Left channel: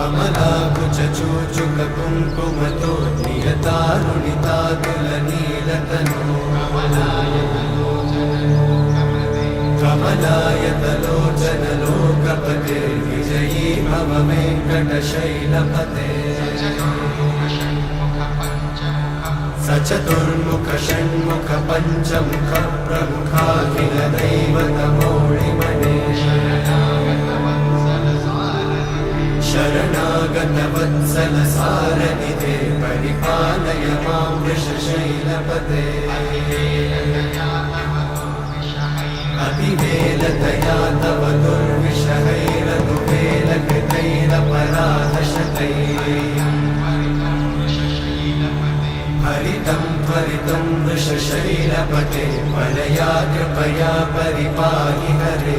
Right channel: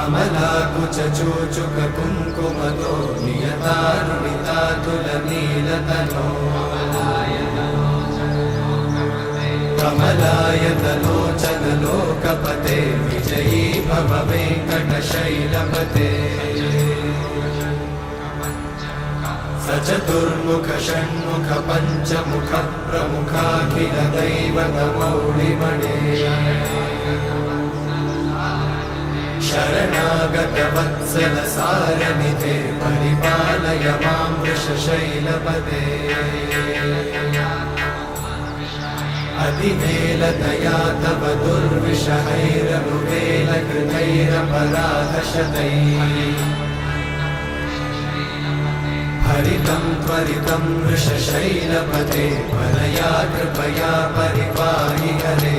कमलाकुचूचुक कुङ्कुमतो नियतारुणितातुलनीलतनो कमलायतलोचन लोकपते विजयी भव वेङ्कटशैलपते सचतुर्मुख षण्मुख पञ्चमुख प्रमुखाखिल दैवतमौलिमणे शरणागत वत्सल सारनिधे परिपालय मां वृषशैलपते अतिवेलतया तव दुर्विषहैरनुवेलकृतैरपराधशतैः हरितं त्वरितं वृषशैलपते वरया कृपया परिपाहि हरे